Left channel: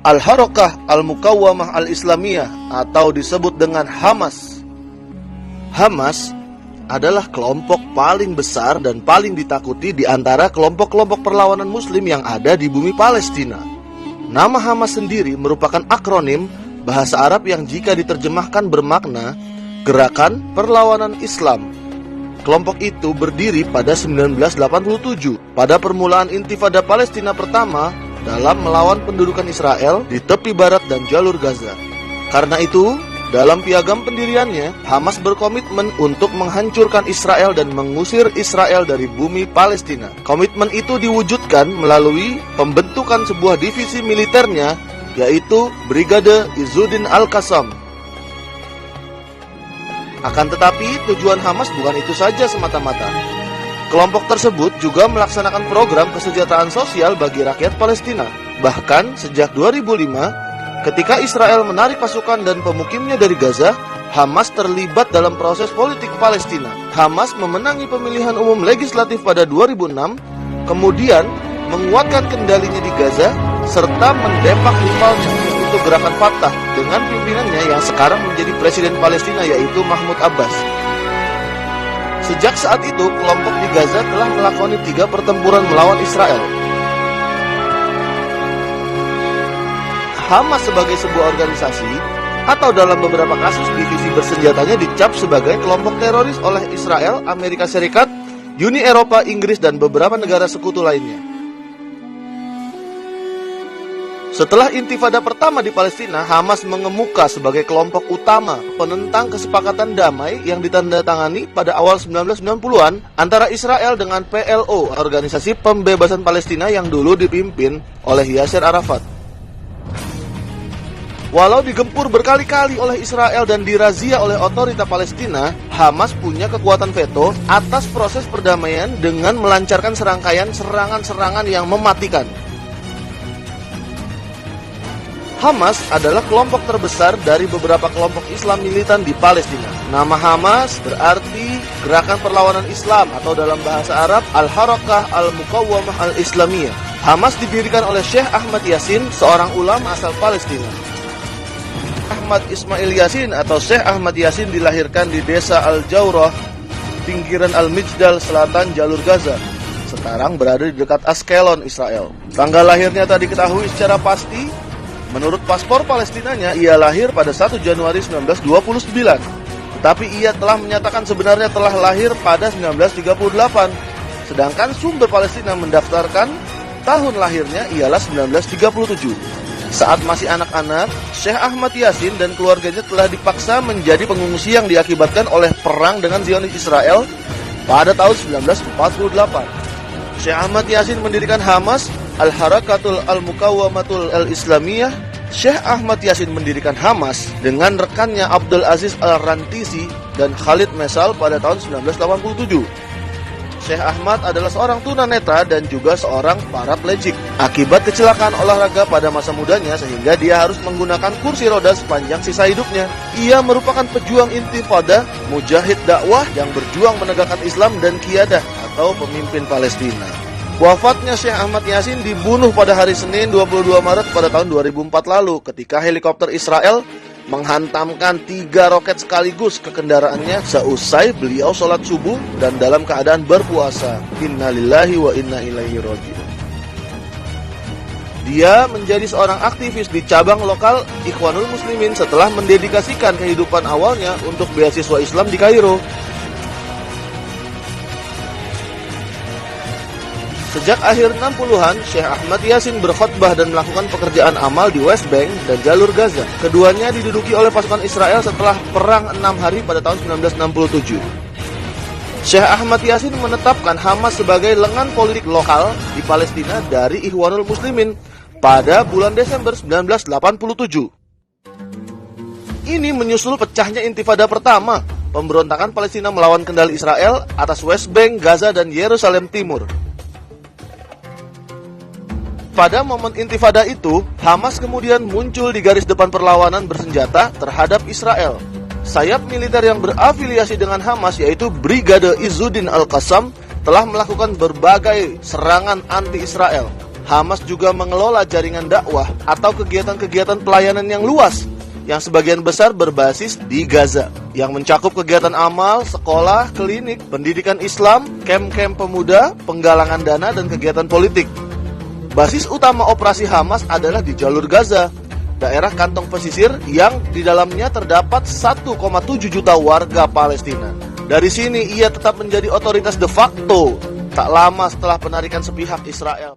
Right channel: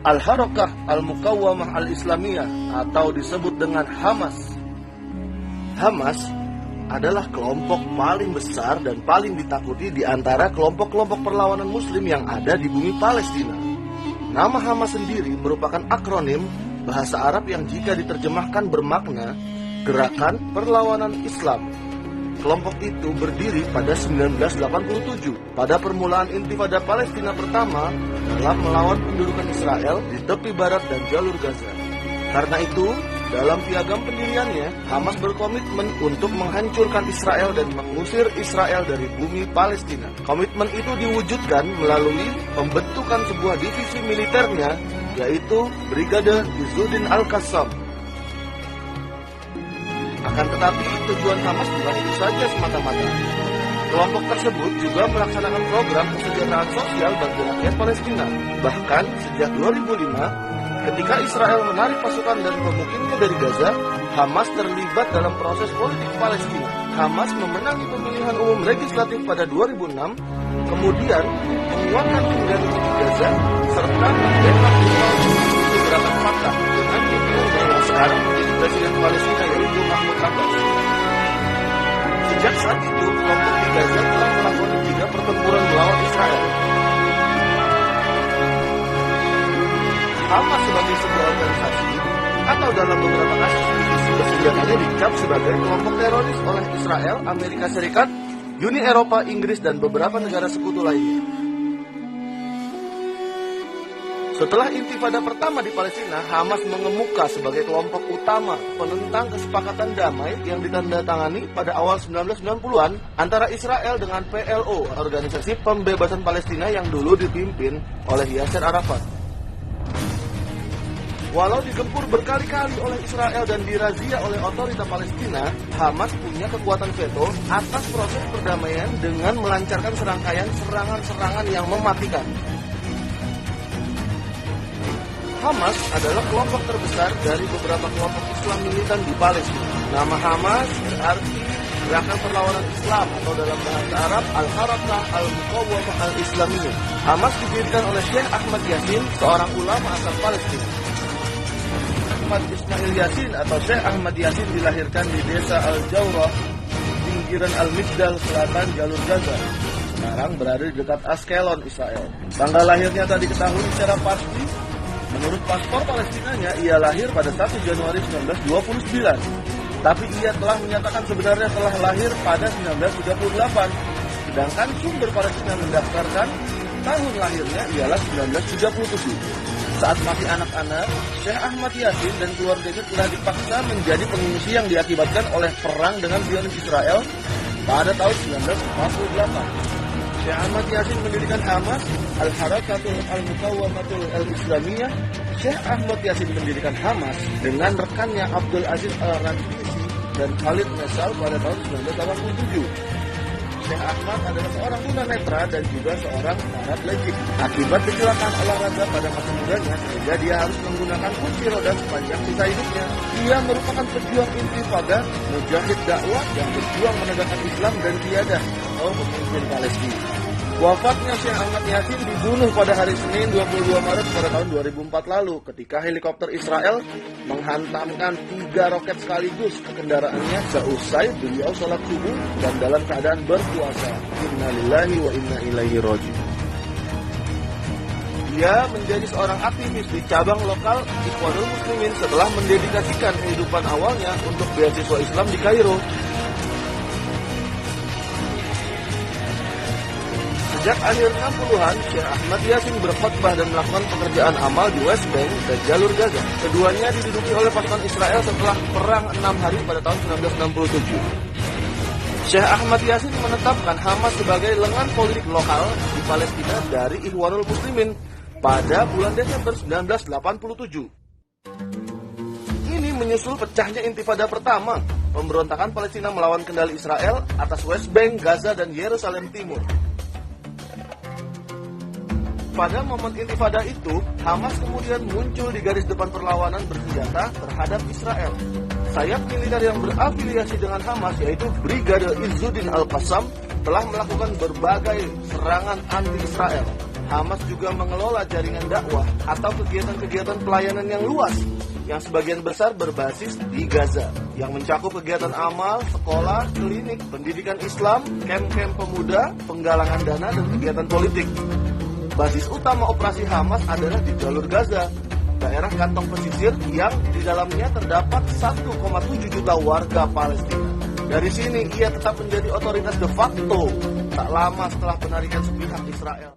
Al-Harakah Al-Muqawwamah Al-Islamiyah atau disebut dengan Hamas. Hamas adalah kelompok paling besar dan paling ditakuti di antara kelompok-kelompok perlawanan muslim yang ada di bumi Palestina. Nama Hamas sendiri merupakan akronim bahasa Arab yang jika diterjemahkan bermakna Gerakan Perlawanan Islam. Kelompok itu berdiri pada 1987 pada permulaan Intifada Palestina pertama dalam melawan pendudukan Israel di tepi barat dan jalur Gaza. Karena itu, dalam piagam pendiriannya, Hamas berkomitmen untuk menghancurkan Israel dan mengusir Israel dari bumi Palestina. Komitmen itu diwujudkan melalui pembentukan sebuah divisi militernya, yaitu Brigade Izzuddin Al-Qassam. Akan tetapi, tujuan Hamas bukan itu saja semata-mata. Kelompok tersebut juga melaksanakan program kesejahteraan sosial bagi rakyat Palestina. Bahkan sejak 2005, ketika Israel menarik pasukan dan pemukimnya dari Gaza, Hamas terlibat dalam proses politik Palestina. Hamas memenangi pemilihan umum legislatif pada 2006, kemudian menguatkan kendalinya di Gaza, serta mendepak rival untuk gerakan Fatah dengan pimpinannya yang sekarang menjadi Presiden Palestina, yaitu Mahmud Abbas. Sejak saat itu, kelompok di Gaza telah melakoni 3 pertempuran melawan Israel. Hamas sebagai sebuah organisasi atau dalam beberapa kasus divisi bersenjatanya dicap sebagai kelompok teroris oleh Israel, Amerika Serikat, Uni Eropa, Inggris, dan beberapa negara sekutu lainnya. Setelah Intifada pertama di Palestina, Hamas mengemuka sebagai kelompok utama penentang kesepakatan damai yang ditandatangani pada awal 1990-an antara Israel dengan PLO, Organisasi Pembebasan Palestina yang dulu dipimpin oleh Yasser Arafat. Walau digempur berkali-kali oleh Israel dan dirazia oleh otorita Palestina, Hamas punya kekuatan veto atas proses perdamaian dengan melancarkan serangkaian serangan-serangan yang mematikan. Hamas adalah kelompok terbesar dari beberapa kelompok Islam militan di Palestina. Nama Hamas berarti Gerakan Perlawanan Islam atau dalam bahasa Arab Al-Harakah Al-Muqawwamah Al-Islamiyah. Hamas didirikan oleh Syekh Ahmad Yasin, seorang ulama asal Palestina. Ahmad Ismail Yasin atau Syekh Ahmad Yasin dilahirkan di desa Al-Jawrah, pinggiran Al-Mijdal, selatan jalur Gaza. Sekarang berada di dekat Askelon, Israel. Tanggal lahirnya tak diketahui secara pasti. Menurut paspor Palestinanya, ia lahir pada 1 Januari 1929. Tapi ia telah menyatakan sebenarnya telah lahir pada 1938. Sedangkan sumber Palestina mendaftarkan tahun lahirnya ialah 1937. Saat masih anak-anak, Syekh Ahmad Yasin dan keluarganya telah dipaksa menjadi pengungsi yang diakibatkan oleh perang dengan Zionis Israel pada tahun 1948. Syekh Ahmad Yasin mendirikan Hamas, Al-Harakatul Al-Muqawwamatul Al-Islamiyah. Syekh Ahmad Yasin mendirikan Hamas dengan rekannya Abdul Aziz Al-Rantisi dan Khalid Mesal pada tahun 1987. Syekh Ahmad adalah seorang tunanetra dan juga seorang paraplegik akibat kecelakaan olahraga pada masa mudanya, sehingga dia harus menggunakan kursi roda sepanjang sisa hidupnya. Ia merupakan pejuang intifada, mujahid dakwah yang berjuang menegakkan Islam dan qiyadah atau pemimpin Palestina. Wafatnya Syekh Ahmad Yasin dibunuh pada hari Senin 22 Maret pada tahun 2004 lalu ketika helikopter Israel menghantamkan 3 roket sekaligus ke kendaraannya seusai beliau sholat subuh dan dalam keadaan berpuasa. Innalillahi wa inna ilaihi raji'un. Dia menjadi seorang aktivis di cabang lokal Ikhwanul Muslimin setelah mendedikasikan kehidupan awalnya untuk beasiswa Islam di Kairo. Sejak akhir 60-an, Syekh Ahmad Yasin berkhutbah dan melakukan pekerjaan amal di West Bank dan jalur Gaza. Keduanya diduduki oleh pasukan Israel setelah perang 6 hari pada tahun 1967. Syekh Ahmad Yasin menetapkan Hamas sebagai lengan politik lokal di Palestina dari Ikhwanul Muslimin pada bulan Desember 1987. Ini menyusul pecahnya Intifada pertama, pemberontakan Palestina melawan kendali Israel atas West Bank, Gaza, dan Yerusalem Timur. Pada momen Intifada itu, Hamas kemudian muncul di garis depan perlawanan bersenjata terhadap Israel. Sayap militer yang berafiliasi dengan Hamas, yaitu Brigade Izzuddin Al-Qassam, telah melakukan berbagai serangan anti-Israel. Hamas juga mengelola jaringan dakwah atau kegiatan-kegiatan pelayanan yang luas yang sebagian besar berbasis di Gaza, yang mencakup kegiatan amal, sekolah, klinik, pendidikan Islam, kamp-kamp pemuda, penggalangan dana, dan kegiatan politik. Basis utama operasi Hamas adalah di jalur Gaza, daerah kantong pesisir yang di dalamnya terdapat 1,7 juta warga Palestina. Dari sini ia tetap menjadi otoritas de facto tak lama setelah penarikan sepihak Israel.